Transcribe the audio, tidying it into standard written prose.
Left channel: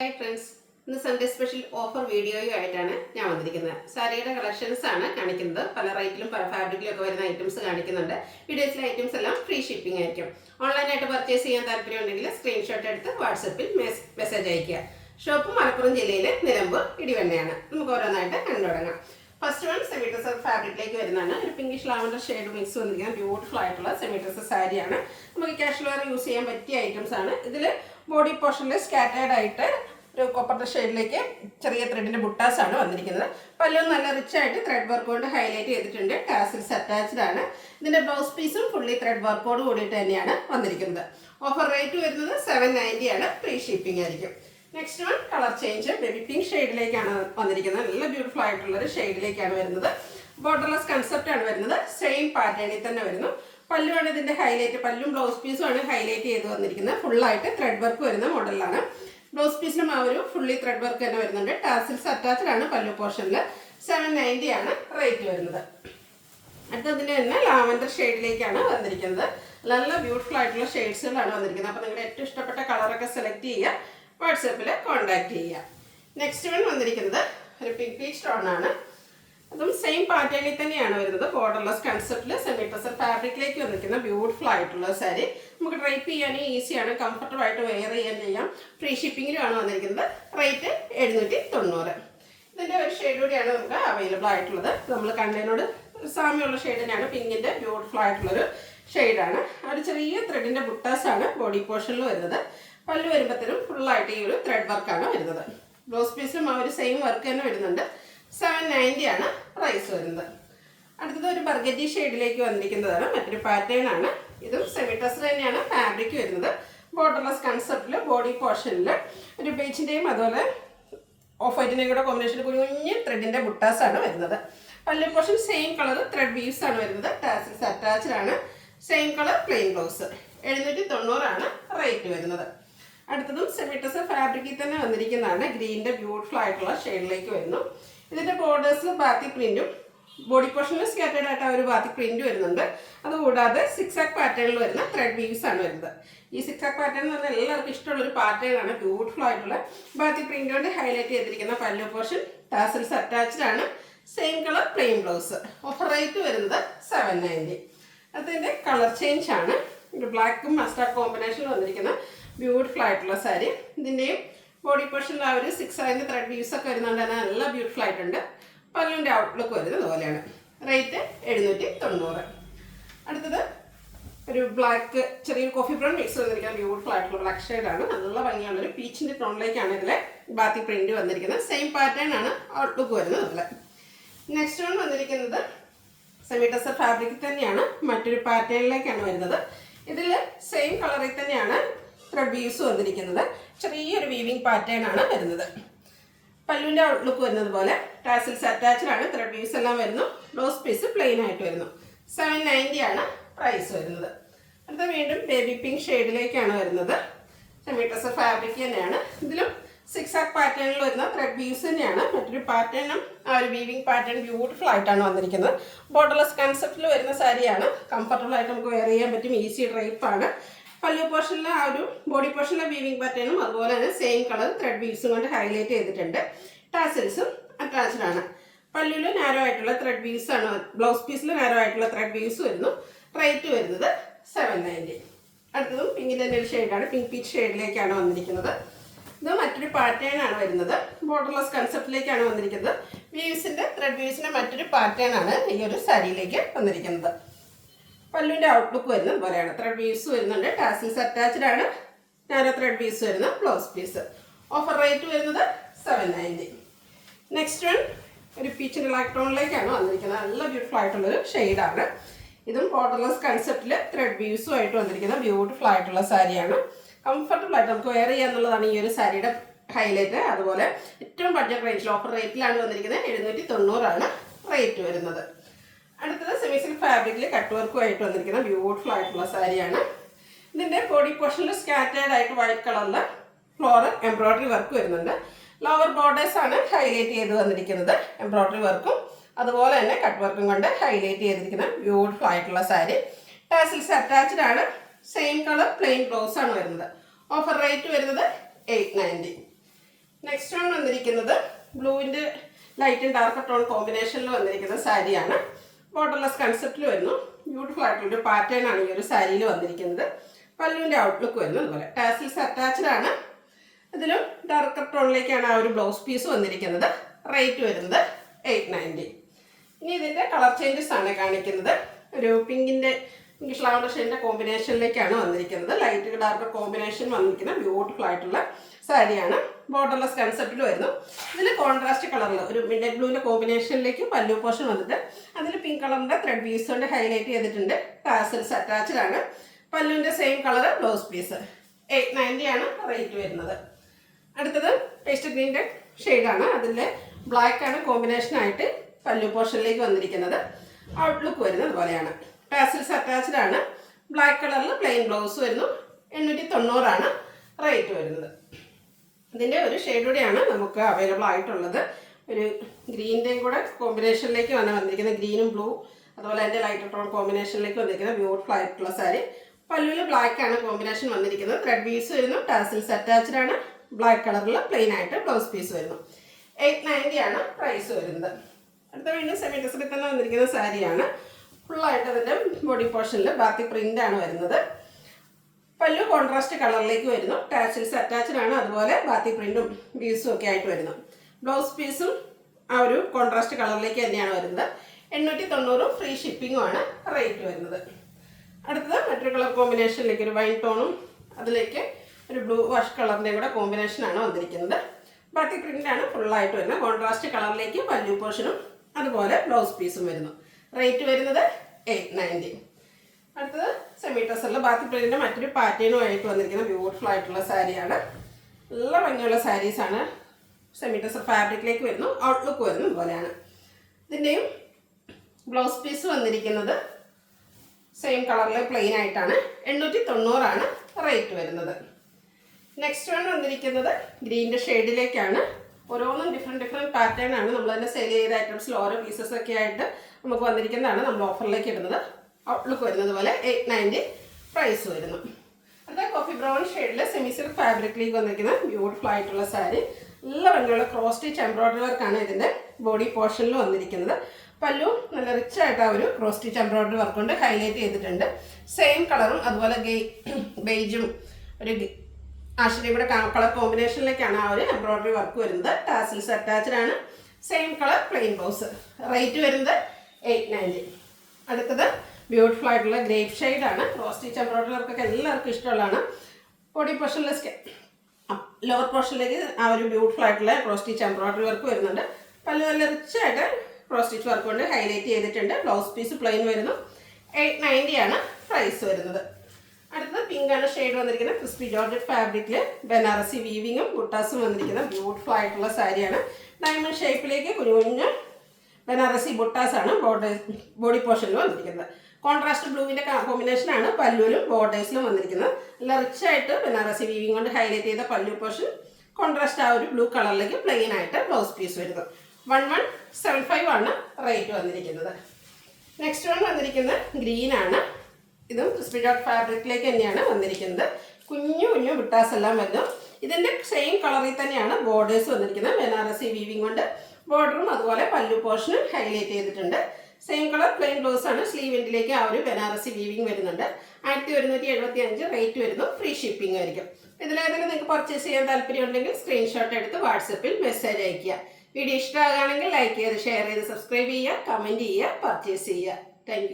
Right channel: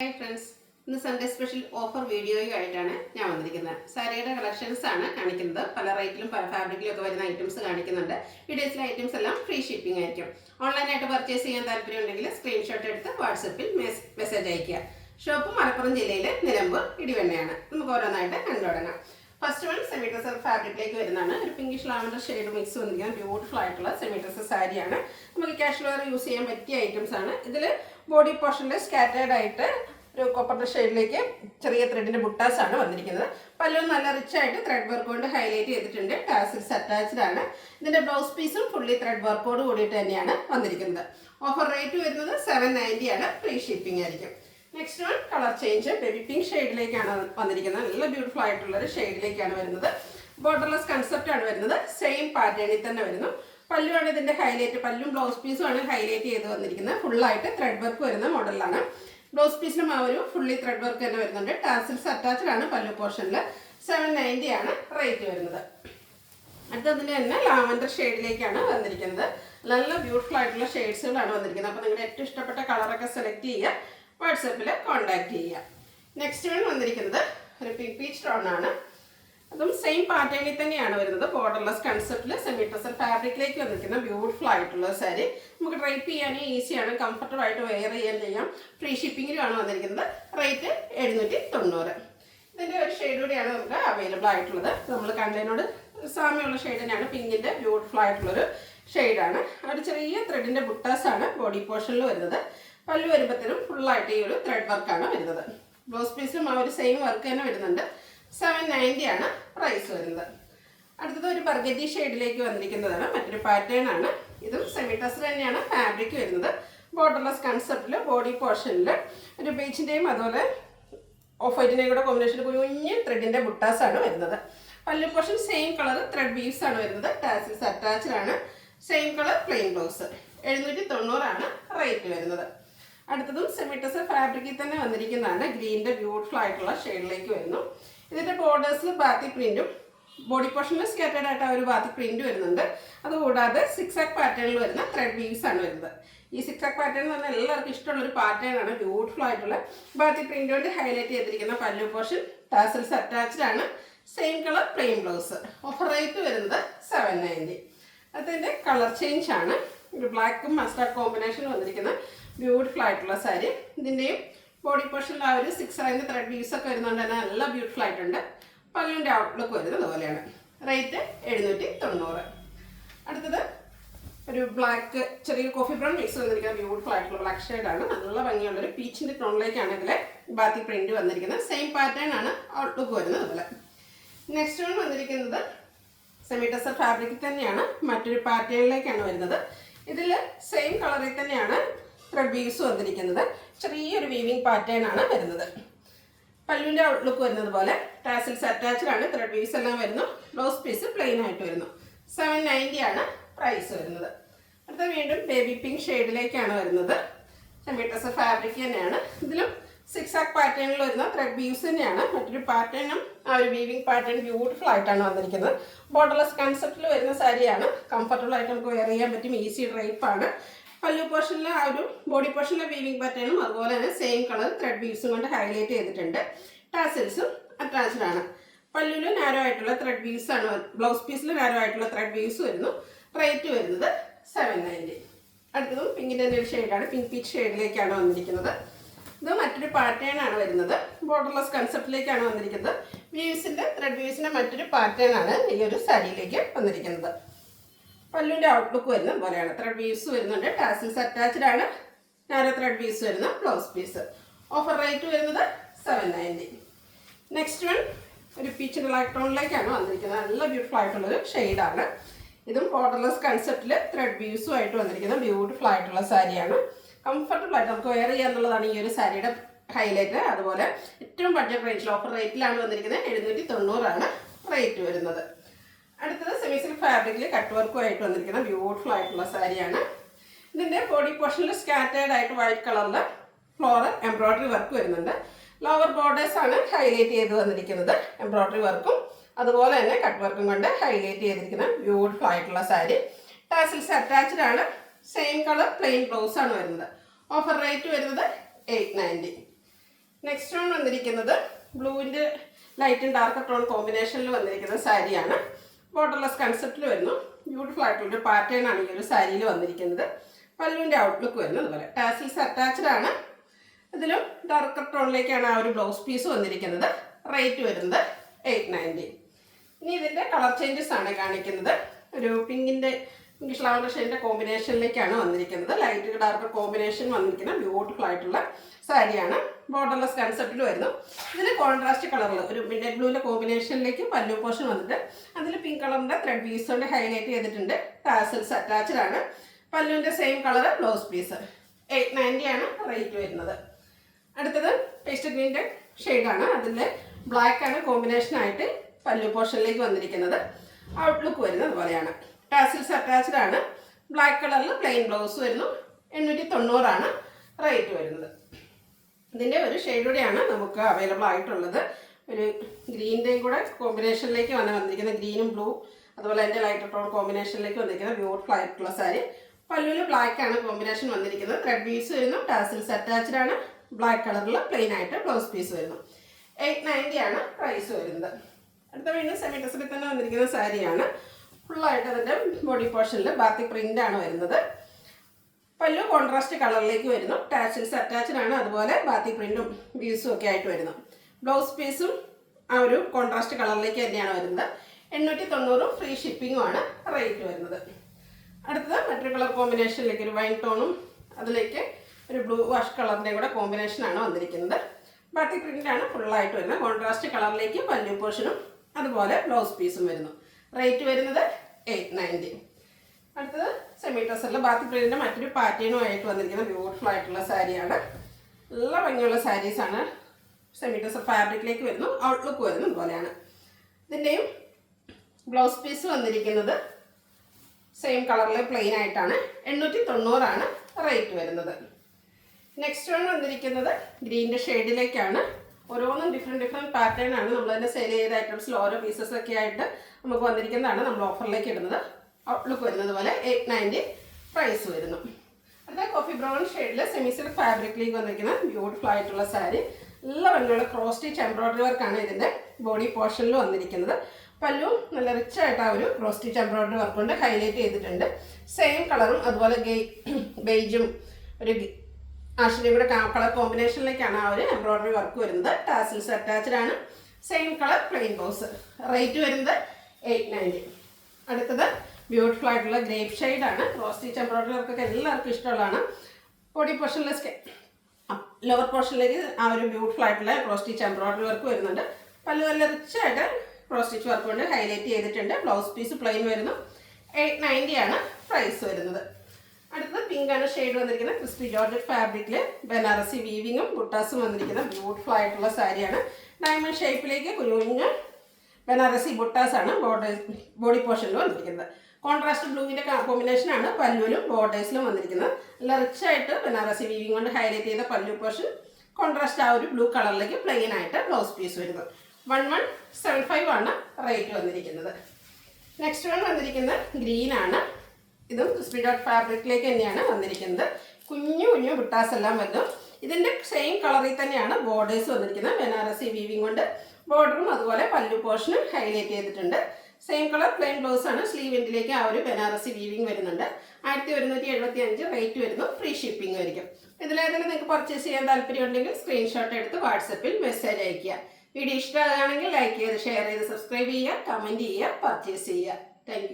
Hi friends, ഇന്ന് Sunday special offer വീഡിയോയുമായിട്ടാണ് ഞാൻ വന്നിരിക്കുന്നത്. സാരിയുടെ കളക്ഷൻസ് ആണ് കാണിക്കുന്നത്. പല റേറ്റിലും പല ഫാബ്രിക്കിലും ഒക്കെ വരുന്ന ഐറ്റംസ് കാണിക്കുന്നുണ്ട്. വീഡിയോസിലെ ഐറ്റംസ് എല്ലാം ഫ്രീ ഷിപ്പിംഗ് ആയിരിക്കും. ഓൺലൈനായിട്ട് പർച്ചേസ് ചെയ്യാൻ താല്പര്യം ഉണ്ടെങ്കിൽ സ്ക്രീൻഷോട്ട് എടുത്ത് വാട്സപ്പിൽ മെസ്സേജ് അയയ്ക്കുക. ഷോപ്പ് മലപ്പുറം ജില്ലയിലെ നിലമ്പൂർ ഇടിവണ്ണയാണ്. നമുക്ക് ഓരോന്നായിട്ട് കണ്ടു തുടങ്ങാം. ഫസ്റ്റ് വൺ സെമി ഡ്രസ്സർ ഫാബ്രിക്കിലേക്ക് വരുന്നതാണ്. ഒരു പിങ്കിഷ് ലാവൻഡർ ഷെയ്ഡ് മിക്സ് വന്നിരിക്കുന്ന ബ്യൂട്ടിഫുൾ ആയിട്ടുള്ള സെമി ഡ്രസ്സർ സാരിയാണ്. നമുക്ക് ക്യാഷ് വെയർ യൂസ് ചെയ്യാൻ പറ്റിയ ഐറ്റംസ് ആണ്. ഇതിൽ ബോഡി പോർഷനിൽ സ്കാറ്റേർഡ് ആയിട്ട് ഒരു കോപ്പർ ഷെയ്ഡിലേക്ക് ചെറിയ ത്രെഡിന്റെ ബുട്ടാസ് ആണ് വന്നിരിക്കുന്നത്. പല്ലും നല്ല റിച്ച് ആയിട്ട് ത്രെഡ് വർക്ക് കൊണ്ട് ഹൈലൈറ്റ് ചെയ്തിട്ടുണ്ട്. ടാസിൽസ് അറ്റാച്ച്ഡ് ആണ്. ഇതിന്റെ ബ്ലൗസ് പീസും ഫുള്ളി ത്രെഡ് വർക്കോട് കൂടിയിട്ട് തന്നെയാണ് വന്നിരിക്കുന്നത്. ഓഫർ റേറ്റ് വരുന്നത് 790 ആണ്. ഫ്രീ ഷിപ്പിംഗ് ആയിരിക്കും. Next one colour change baby pink ഷെയ്ഡിലേക്കാണ് വന്നിരിക്കുന്നത്. നല്ല ബ്യൂട്ടിഫുൾ ആയിട്ടുള്ള ഒരു ഷെയ്ഡിലേക്കാണ് വരുന്നത്. ബോർഡർലെസ് കൺസെപ്റ്റ് ആണ് വരുന്നത്. സെയിം പാറ്റേണിൽ തന്നെ വരുന്നു. പല്ലുമാണ് ഇതിന്റെ ഹൈലൈറ്റ്. പല്ലും ബ്ലൗസ് പീസും ആണ് ഹൈലൈറ്റ് ചെയ്ത് വന്നിരിക്കുന്നത്. ഫുള്ളായിട്ട് ത്രെഡ് വർക്ക് വരുന്ന മോഡലാണ്. ബ്ലൗസ് പീസിനും ആ ഒരു ഫുള്ളി ത്രെഡ് വർക്ക് തന്നെ വരുന്നുണ്ട്. ടാസിൽസ് അറ്റാച്ച്ഡ് ആണ്. പല്ലു പോർഷനിൽ 790 ആണ് റേറ്റ് വരുന്നത്. അടുത്തതിൽ തന്നെ ലാവൻഡർ ഷെയ്ഡിലേക്കാണ് വന്നിരിക്കുന്നത്. നല്ല ബ്യൂട്ടിഫുൾ ആയിട്ടുള്ള ഷെയ്ഡ്സുകളാണ് വന്നിരിക്കുന്നത്. അപ്പോൾ നിങ്ങളുടെ ഏറ്റവും ഇഷ്ടപ്പെട്ട കളറൊക്കെ സെലക്ട് ചെയ്യുക. വാട്സപ്പിൽ കോൺടാക്ട് ചെയ്യുക. നെക്സ്റ്റ് വൺ വന്നിരിക്കുന്നത് ഒരു പിങ്ക് പീച്ച് ടോൺ ആണ്. അതും സെയിം പാറ്റേണിൽ തന്നെയാണ് വരുന്നത്. ബോർഡർലെസ് കൺസെപ്റ്റിൽ സെമി ഡ്രസ്സർ ഫാബ്രിക്കിലേക്ക് വന്നിരിക്കുന്ന ബ്യൂട്ടിഫുൾ ആയിട്ടുള്ള സാരി. നമുക്ക് ഡ്രൈപ്പ് ചെയ്യാനും ഈസിയാണ്. കംഫർട്ടബിൾ ആയിട്ട് വെയർ ചെയ്യാം. ഫ്രീ ഷിപ്പിങ്ങിലുമാണ് വന്നിരിക്കുന്നത്. റേറ്റ് 790. ഇതിൻ്റെ ഒരു ഷെയ്ഡ് കൂടിയാണ് നമുക്ക് അവൈലബിൾ ആയിട്ടുള്ളത്. നമ്മൾ കണ്ടതിനോട് സാമ്യമുള്ള ഷെയ്ഡ് തന്നെയാണ്. പിങ്കിൻ്റെ ബ്യൂട്ടിഫുൾ ആയിട്ടുള്ളൊരു ഷെയ്ഡാണ്. ഒരു ചെറിയ ത്രെഡിൻ്റെ ബുട്ടാസാണ് ബോഡി പോർഷനിൽ വരുന്നത്. പല്ല് വരുമ്പോഴത്തേനും ഫുള്ളായിട്ട് ഈ ഒരു ത്രെഡ് വർക്കാണ് വരുന്നത്. ബ്ലൗസ് പീസിലും ആ ഒരു സെയിം വർക്ക് തന്നെ വരുന്നുണ്ട്. 790 ആണ് പ്രൈസ് വരുന്നത്. അടുത്തത് ഒരു ബർഗറ്റി ഷെയ്ഡിലേക്ക് വന്നിരിക്കുന്നതാണ്. മറ്റൊരു പാറ്റേൺ ആണ്. ഇതും സെമി ഡ്രസ്സർ തന്നെയാണ് ഫാബ്രിക് വരുന്നത്. ബോർഡർലെസ് കൺസെപ്റ്റിൽ ബോഡി പോർഷനിൽ ഒരു ബീച്ചിൻ്റെയും അതുപോലെ ഓഫ് വൈറ്റിൻ്റെയും കൂടെ കോമ്പിനേഷൻ കുഞ്ഞു ത്രെഡിൻ്റെ ബുട്ടാസാണ് വരുന്നത്. Pallu portion same colour thread weaves ആണ് വരുന്നത്. ടാസിൽസ് അറ്റാച്ച്ഡ് ആണ്. Same colour plain blouse. 790 ആണ് റേറ്റ് വരുന്നത്. അടുത്തതും സെമി ഡ്രസ്സർ ഫാബ്രിക്കിൽ തന്നെ വന്നിരിക്കുന്നതാണ്. ഗ്രീനിൻ്റെ ബ്യൂട്ടിഫുൾ ആയിട്ടുള്ള ഷെയ്ഡിലേക്ക് വരുന്നു. ഇതിൻ്റെ ബോർഡേഴ്സിൽ ബാത്തി പ്രിൻറ്റും ബോഡി പോർഷനിൽ സ്കാറ്റേർഡ് ആയിട്ട് ആ ഒരു ബാത്തി പ്രിൻറ്റ് വരുന്നുണ്ട്. അതുകൂടാതെ സിക്സാക് പാറ്റേണിൽ വരുന്ന ത്രെഡ് വീവ്സ് ആണ് വരുന്നത്. ഈ സിക്സാക് പാറ്റേൺ എന്ന് പറഞ്ഞാൽ എല്ലാവർക്കും ഇഷ്ടമുള്ളൊരു പാറ്റേൺ ആണ്. ബ്യൂട്ടിഫുൾ ആയിട്ടുള്ള ബാത്തി പ്രിൻറ്റ് കൊണ്ട് ഹൈലൈറ്റ് ചെയ്തിരിക്കുന്ന പല്ലു പോർഷൻ. ടാസൽസ് അറ്റാച്ച്ഡ് ആണ്. Same colour plain blouse. Offer rate വരുന്നത് 790. അതിൻ്റെ കളർ ചേഞ്ച് ആണ്. ഒരു ബ്ലാക്കും മസ്റ്റാർഡ് കോമ്പിനേഷനിൽ വന്നിരിക്കുന്ന ബ്യൂട്ടിഫുൾ ആയിട്ടുള്ള സാരി. ഇതിൻ്റെയും ബോഡി പോർഷനിൽ ആ ഒരു 6 അതിൻ്റെ ത്രെഡ് വീവ്സ് ഒക്കെ വരുന്നതുകൊണ്ട് തന്നെ നല്ല ബ്യൂട്ടിഫുൾ ആയിട്ടുണ്ട്. പല്ലിൻ്റെ ഔട്ട്ലുക്ക് വരുന്നത് അതുപോലെയാണ്. റേറ്റ് 790. അടുത്തത് ഒരു ബ്ലാക്ക് ചെറിയ കോഫി ബ്രൗൺ മിക്സ് വന്നിരിക്കുന്ന ബ്യൂട്ടിഫുൾ ആയിട്ടുള്ള ബ്ലാക്ക് ഷെയ്ഡാണ്. നല്ല ഭംഗിയുള്ളൊരു പീച്ചിൻ്റെ ടോണിലേക്കാണ് ഇതിൽ ബാത്തി പ്രിൻറ്റ് വന്നിരിക്കുന്നത്. സെയിം പാറ്റേൺ ആണ് ഔട്ട്ലുക്ക് വരുന്നത് അതുപോലെ. നെക്സ്റ്റ് വൺ വന്നിരിക്കുന്നത് സെമി ഡ്രസ്സർ ഫാബ്രിക്കിൽ തന്നെയാണ്. മറ്റൊരു പാറ്റേണിലേക്കാണ് വരുന്നത്. ഇതിൽ സെയിം കളറിൽ തന്നെയാണ് ത്രെഡ് വീവ്സ് വന്നിരിക്കുന്നത്. ചെറിയൊരു വീവിങ് പാറ്റേൺ ആണ് വരുന്നത്. പല്ലുവിൻ്റെ ഔട്ട്ലുക്ക് വരുന്നത് പോലെ ടാസിൽസ് അറ്റാച്ച്ഡ് ആണ്. ത്രെഡ് വീവ്സ് എല്ലാം വരുന്നു. ബ്ലൗസ് പീസ് പ്ലെയിൻ ആയിട്ട് വരുന്നു. 790 ആണ് പ്രൈസ് വരുന്നത്. അടുത്ത വീണ്ടും ബേബി പിങ്ക് ഷെയ്ഡിലേക്കാണ് വരുന്നത്. സെമി ഡ്രസ്സർ ഫാബ്രിക് തന്നെയാണ്. ഇതിലും സിക്സാക് പാറ്റേണിൽ വരുന്ന ത്രെഡ് വീവ്സ് തന്നെയാണ്. മറ്റൊരു പാറ്റേണും ആ ഒരു വീവിങ് പാറ്റേൺ ബ്യൂട്ടിഫുൾ ആയിട്ടാണ് വന്നിരിക്കുന്നത്. ബോർഡർലെസ് കൺസെപ്റ്റിൽ വരുന്ന സാരിയാണ്. കംഫർട്ടബിൾ ആയിട്ട് നമുക്ക് വെയർ ചെയ്യാൻ പറ്റും. ഈസി ഡ്രൈപ്പാണ്. പല്ലു പോർഷനിലെ ആ ഒരു ബോഡി പോർഷനിലെ വീവിങ് പാറ്റേണും അതുപോലെ തന്നെ സെയിം കളർ ത്രെഡ് വീവ്സും കൊണ്ട് ഹൈലൈറ്റ് ചെയ്തിട്ടുണ്ട്. ടാസിൽസും അറ്റാച്ച്ഡ് ആണ്. പല്ലുവിൽ നാരോ ആയിട്ടുള്ള ത്രെഡ് വീവ്സ് ആണ്. ബ്ലൗസ് പീസിൽ നാരോ ആയിട്ടുള്ള ത്രെഡ് വീവ്സ് വരുന്നു. റേറ്റ് വരുന്നത് 790. അടുത്തതും പിങ്കിൻ്റെ തന്നെ ഒരു ഷെയ്ഡാണ്. പിങ്ക് പീച്ച് ഷെയ്ഡിലേക്കാണ് വന്നിരിക്കുന്നത്. ഇത് മറ്റൊരു പാറ്റേൺ ആണ് വരുന്നത്. ബോർഡർലെസ് കൺസെപ്റ്റിലേക്കാണ് വന്നിരിക്കുന്നത്. വീവ്സിൻ്റെ ത്രെഡ് വീവ്സിൻ്റെ മറ്റൊരു പാറ്റേൺ ആണ് ഈ ഒരു സാരിയിലേക്ക് വന്നിരിക്കുന്നത്. പല്ലുവിൻ്റെ ഔട്ട്ലുക്ക് വരുന്നത് പോലെയാണ്. ത്രെഡ് വീവ്സ് വരുന്നുണ്ട്. ടാസിൽസ് അറ്റാച്ച്ഡ് ആണ്. നാരോ ത്രെഡ് വീവ്സ് വരുന്ന ബ്ലൗസ് പീസ്. ഓഫർ റേറ്റ് വരുന്നത് 790. നെക്സ്റ്റ് വൺ ഒരു പീച്ചിൻ്റെ ബ്ലാക്ക് ടോണിലേക്കാണ് വന്നിരിക്കുന്നത്. നല്ല ബ്യൂട്ടിഫുൾ ആയിട്ടുള്ളൊരു ഷെയ്ഡാണ്. ഇതും ബോർഡർലെസ് കൺസെപ്റ്റിൽ ത്രെഡ് വീവ്സും ആയിട്ട് വന്നിരിക്കുന്ന ബ്യൂട്ടിഫുൾ ആയിട്ടുള്ള സാരിയാണ്. കംഫർട്ടബിൾ ആയിട്ട് നമുക്ക് വെയർ ചെയ്യുക എന്നുള്ളതാണ് ഈ ഒരു സാരിയുടെ ഹൈലൈറ്റ്. അതുപോലെ ഏറ്റവും ബഡ്ജറ്റ് റേഞ്ചിൽ ഓഫർ റേറ്റിലാണ് വന്നിരിക്കുന്നത്. 790 ആണ് റേറ്റ് വരുന്നത്. അടുത്തത് സെമി സിൽക്ക് ഫാബ്രിക്കിൽ കട്ട് വർക്കുമായിട്ട് വന്നിരിക്കുന്ന ബ്യൂട്ടിഫുൾ ആയിട്ടുള്ള സാരിയാണ്. ഇതിൻ്റെ ബോഡി പോർഷനിൽ സ്കാറ്റേർഡ് ആയിട്ട് വൈറ്റ് കളറിൽ ഫ്ലോറൽ എംബ്രോയ്ഡറി വർക്ക് വരുന്നുണ്ട്. ലോവർ ബോർഡേഴ്സ് ആണ് ഹൈലൈറ്റ് ചെയ്ത് വന്നിരിക്കുന്നത്. എംബ്രോയ്ഡറി വർക്കും അതുപോലെ തന്നെ കട്ട് വർക്കും കൊണ്ട് ഹൈലൈറ്റ് ചെയ്തിരിക്കുന്ന ബ്യൂട്ടിഫുൾ ആയിട്ടുള്ള സാരി. ടാസിൽസ് അറ്റാച്ച്ഡ് ആണ്. സെയിം കളർ പ്ലെയിൻ ബ്ലൗസ് ആണ് വരുന്നത്. ഓഫർ റേറ്റ് വരുന്നത് 890. നെക്സ്റ്റ് വൺ വന്നിരിക്കുന്നത് ബ്ലൂവിൻ്റെ ലൈറ്റും ഡാർക്ക് ടോൺ കോമ്പിനേഷനിൽ വന്നിരിക്കുന്ന സാരിയാണ്. ബോർഡർലെസ് കൺസെപ്റ്റിൽ വരുന്നു. ബ്യൂട്ടിഫുൾ ആയിട്ടുള്ളൊരു പാറ്റേൺ ആണ് ഈ ഒരു സാരിയിൽ വന്നിരിക്കുന്നത്. പല്ലുവിൻ്റെ ഔട്ട്ലുക്ക് വരുന്നത് അതുപോലെ ടാസിൽസ് അറ്റാച്ച്ഡ് ആണ്. ഇതിലും ഡാർക്ക് ടോണിലേക്കാണ് ആ ഒരു ബ്ലൗസ് പീസ് വന്നിരിക്കുന്നത്. റേറ്റ് വരുന്നത് 890. ഇനി ഇതിൻ്റെ കളർ ചേഞ്ചസ് ആണ് കാണിക്കുന്നത്. ഒരു പിങ്കിഷ് ലാവൻഡർ ഷെയ്ഡിൻ്റെ കോമ്പിനേഷനിലേക്കാണ് വന്നിരിക്കുന്നത്. ലൈറ്റ് ഡാർക്ക് കോമ്പിനേഷൻ വന്നിരിക്കുന്ന ബ്യൂട്ടിഫുൾ ആയിട്ടുള്ള സാരിയാണ്. ബോർഡർലെസ് കൺസെപ്റ്റിൽ വരുന്നു. ഇതിന് കോൺട്രാസ്റ്റ് കളറിൽ ഒരു മിഡ് ബ്ലൂവിൻ്റെ കോമ്പിനേഷനിലേക്ക് പല്ലു പോർഷൻ വന്നിട്ട് അതിൽ പിങ്ക് കളറിൻ്റെ ത്രെഡ് പീസ് കൊണ്ട് ഹൈലൈറ്റ് ചെയ്തിട്ടുണ്ട്. ടാസൽസ് അറ്റാച്ച്ഡ് ആണ്. പല്ലുവിൻ്റെ സെയിം കളർ ബ്ലൗസ് പീസ്. 890 ആണ് റേറ്റ് വരുന്നത്. അടുത്തത് പേസ്റ്റ് ഗ്രീൻ്റെ ഷെയ്ഡാണ്. അതിൻ്റെ ബ്ലാക്ക് ആണ് കോമ്പിനേഷനായിട്ട് പല്ലു പോർഷനിലേക്ക് വന്നിരിക്കുന്നത്. ഔട്ട്ലുക്ക് വരുന്നത് അതുപോലെയാണ്. ടാസൽസ് അറ്റാച്ച്ഡ് ആണ്. ബ്ലാക്ക് കളറിൽ പ്ലെയിൻ ബ്ലൗസ് വരുന്നു. 890 ആണ് റേറ്റ് വരുന്നത്. ഇതിൻ്റെ ഒരു ഷെയ്ഡൂടെയാണ് നമുക്ക് അവൈലബിൾ ആയിട്ടുള്ളത്. ഒരു ഗ്രീൻ്റെയും കൂടെ കോമ്പിനേഷനിലേക്ക് വന്നിരിക്കുന്നത്. ഗ്രീനും ബ്ലൂ അതുപോലെ എൻ്റെ ലൈറ്റ് ടോൺ കോമ്പിനേഷനിലേക്ക് വന്നിരിക്കുന്നത് ബ്യൂട്ടിഫുൾ ആയിട്ടുള്ള സാരി. പല്ലുവിൽ ബ്ലാക്ക് ആണ് കോമ്പിനേഷൻ വന്നിരിക്കുന്നത്. ത്രെഡ് പീസ് വരുന്നു. ടാസൽസ് അറ്റാച്ച്ഡ് ആണ്. ബ്ലാക്ക് കളറിൽ പ്ലെയിൻ ആയിട്ട് ബ്ലൗസ് പീസ് വരുന്നു. 890 ആണ് പ്രൈസ് വരുന്നത്. അടുത്ത വീണ്ടും സെമി ഡ്രസ്സിൽ തന്നെ വന്നിരിക്കുന്ന സാരിയാണ്. ഫുള്ളായിട്ട് അതിൻ്റെ ബോഡി പോർഷനിൽ ബാക്കി പ്രിൻ്റ് ആണ് വരുന്നത്. പല്ലു കോൺട്രാസ്റ്റ് കളറിലേക്ക് വരുന്നു. ടാസൽസ് അറ്റാച്ച്ഡ് ആണ്. അതുപോലെ ബാത്തി പ്രിൻറ്റും വ്യൂസും ഒക്കെ ആയിട്ട് വരുന്നു. ബ്ലൗസ് പീസും ആ ഒരു കോൺട്രാസ്റ്റ് കളറിലേക്ക് തന്നെയാണ് വരുന്നത്. 890 ഫ്രീ ഷിപ്പിങ്ങും ആണ് റേറ്റ് വരുന്നത്. അടുത്തത് മറ്റൊരു കളർ കോമ്പിനേഷനിലേക്ക് ഒരു വൈൻ ടോണും അതിലേക്ക് ഒരു ബ്ലൂ വാഷ് കളറിൻ്റെയും കൂടെ കോമ്പിനേഷനാണ് വന്നിരിക്കുന്നത്. ബാത്തി പ്രിൻ്റാണ് ഫുള്ളായിട്ട് വരുന്നത്. കോൺട്രാസ്റ്റ് കളറിലേക്ക് പല്ലു പോർഷനും അതുപോലെ ബ്ലൗസ് പീസും വരുന്നു. റേറ്റ് വരുന്നത് 890. അടുത്തത് സെമി ഡ്രസ്സല്ല ബാത്തി പ്രിന്റിൻ്റെ മറ്റൊരു പാറ്റേണുമായിട്ട് വന്നിരിക്കുന്ന ബ്യൂട്ടിഫുൾ ആയിട്ടുള്ള സാരിയാണ്. നല്ല ഭംഗിയുള്ള സാരീസാണ്. സെമി ഡ്രസ്സർ ഫാബ്രിക്കിലേക്ക് വരുന്നു. ഔട്ട്ലുക്ക് വരുന്നു ഇതുപോലെയാണ്. ഇതിൻ്റെയും ബ്ലൗസ് പീസ് വന്നിരിക്കുന്നത് സെയിം കളറിൽ പ്ലെയിൻ ആയിട്ടാണ്. 890 ആണ് റേറ്റ് വരുന്നത്. നെക്സ്റ്റ് വൺ വന്നിരിക്കുന്നത് ഗ്രീൻ്റെ ഷെയ്ഡിലേക്കാണ്. ഓരോന്നും ഡിഫറെൻറ്റ് പാറ്റേൺ ആണ്. നമ്മൾ തന്നെ സെയിൽ ചെയ്ത ഐറ്റംസിൽ ഓരോ പീസസ് ഒക്കെ ആയിട്ട് നമുക്ക് വന്നിരിക്കുന്നതാണ് നമ്മൾ ഓഫറിലേക്ക് ഇടുന്നത്. ഔട്ട്ലുക്ക് വരുന്നത് പോലെ 890 പ്രൈസ് വരുന്നു. അടുത്ത കോഫി ബ്രൗൺ ഷെയ്ഡിൽ സെമി സിൽക്ക് ഫാബ്രിക്കിലേക്ക് വന്നിരിക്കുന്ന ബ്യൂട്ടിഫുൾ ആയിട്ടുള്ള സാരി. നല്ല ഭംഗിയുള്ള ക്രോസ് സ്റ്റിച്ച് എംബ്രോയ്ഡറി വർക്കാണ് ഇതിൻ്റെ ബോഡി പോർഷനിൽ വന്നിരിക്കുന്നത്. പല്ലു നല്ല റിച്ച് ആയിട്ട് ആ ഒരു ക്രോസ് സ്റ്റിച്ച് എംബ്രോയ്ഡറി വർക്ക് കൊണ്ട് ഹൈലൈറ്റ് ചെയ്തിട്ടുണ്ട്. സെയിം കളറും അതുപോലെ ബേജും ഒരു ആഷിനെയും കൂടെ കളർ കോമ്പിനേഷനിലേക്കാണ് ആ ഒരു എംബ്രോയ്ഡറി വർക്ക് വരുന്നത്. ടാസിൽസ് അറ്റാച്ച്ഡ് ആണ്. Same colour plain blouse. Rate വരുന്നത് 890. അടുത്തത് ബ്യൂട്ടിഫുൾ ആയിട്ടുള്ള ഗ്രേപ്പ് ഷെയ്ഡാണ്. ക്രോസ് സ്റ്റിച്ച് എംബ്രോയ്ഡറി വർക്കൊക്കെ എല്ലാവർക്കും ഇഷ്ടമുള്ളതാണ്. ബോഡി പോർഷനിലെ ലോവർ പോർഷനിലേക്ക് ആ ഒരു ബ്യൂട്ടിഫുൾ ആയിട്ടുള്ള ക്രോസ് സ്റ്റിച്ച് എംബ്രോയ്ഡറി വർക്ക് വരുന്നുണ്ട്. പല നല്ല റിച്ചായിട്ട് ക്രോസ് സ്റ്റിച്ച് വർക്ക് കൊണ്ട് ഹൈലൈറ്റ് ചെയ്തിട്ടുണ്ട്. ബ്ലൗസ് പീസ് പ്ലെയിൻ വരുന്നു. 890 ആണ് പ്രൈസ് വരുന്നത്. അടുത്തത് പിങ്ക് ആണ് ഷെയ്ഡ് വന്നിരിക്കുന്നത്. ക്രിസ്പി ജോർജറ്റ് ഫാബ്രിക്കിൽ ബനാറസി വീവിങ്ങും ബുട്ടാസും വന്നിരിക്കുന്ന ബ്യൂട്ടിഫുൾ ആയിട്ടുള്ള സാരിയാണ്. ഡയമണ്ട് ഷേപ്പിലേക്ക് കുഞ്ഞു കുഞ്ഞ് ബനാറസി ബുട്ടാസാണ് ബോഡി പോർഷനിൽ വന്നിരിക്കുന്നത്. കോൺട്രാസ്റ്റ് ബ്ലൂവിൻ്റെ കോമ്പിനേഷനാണ് പല്ലുവിലും ബോർഡേഴ്സിലും വന്നിരിക്കുന്നത്. നല്ല റിച്ചായിട്ട് ബനാറസി വീവിങ് കൊണ്ട് ഹൈലൈറ്റ് ചെയ്ത പല്ലു പോർഷൻ കോൺട്രാസ്റ്റ് ആ ഒരു ബ്ലൂ കളറിലേക്ക് പ്ലെയിൻ ആയിട്ട് ബ്ലൗസ് പീസ് വരുന്നു. 1175 ആണ് റേറ്റ് വന്നിരിക്കുന്നത്. നെക്സ്റ്റ് വൺ വന്നിരിക്കുന്നത് ഗ്രീൻ ആണ്. ഇതും ക്രിസ്പി ഡോട്ട് ഫാബ്രിക്കിലേക്ക് തന്നെയാണ് വന്നിരിക്കുന്നത്. കുഞ്ഞു കുഞ്ഞു ബുട്ടാസ് എല്ലാം വരുന്നു. ഇതിൻ്റെ സെയിം കളറിൽ തന്നെയാണ് ബോർഡേഴ്സ് വന്നിരിക്കുന്നത്. ബനാറസി വീവിങ് കൊണ്ട് ബോർഡറും അതുപോലെ പല്ലു പോർഷനും ഹൈലൈറ്റ് ചെയ്തിട്ടുണ്ട്. സെയിം കളർ പ്ലെയിൻ ബ്ലൗസ് ആണ്. സ്ലീവിൻ്റിലേക്ക് ആ ഒരു ബനാറസി വീവിങ് വരുന്നുണ്ട്. 1175 റേറ്റ് വരുന്നു. ഫ്രീ ഷിപ്പിംഗ് ആയിരിക്കും. ഇതിലേതെങ്കിലും നിങ്ങൾക്ക് പർച്ചേസ് ചെയ്യാൻ താല്പര്യമുണ്ടെങ്കിൽ സ്ക്രീൻഷോട്ട് എടുത്ത് വാട്സപ്പിൽ മെസ്സേജ് അയയ്ക്കുക. വീഡിയോ ഇഷ്ടമാകുകയാണെങ്കിൽ ലൈക്ക് ചെയ്ത് ഷെയർ ചെയ്ത് സബ്സ്ക്രൈബ് ചെയ്യുക, കമൻറ്റ് ചെയ്യുക, പർച്ചേസ് ചെയ്യുക. താങ്ക്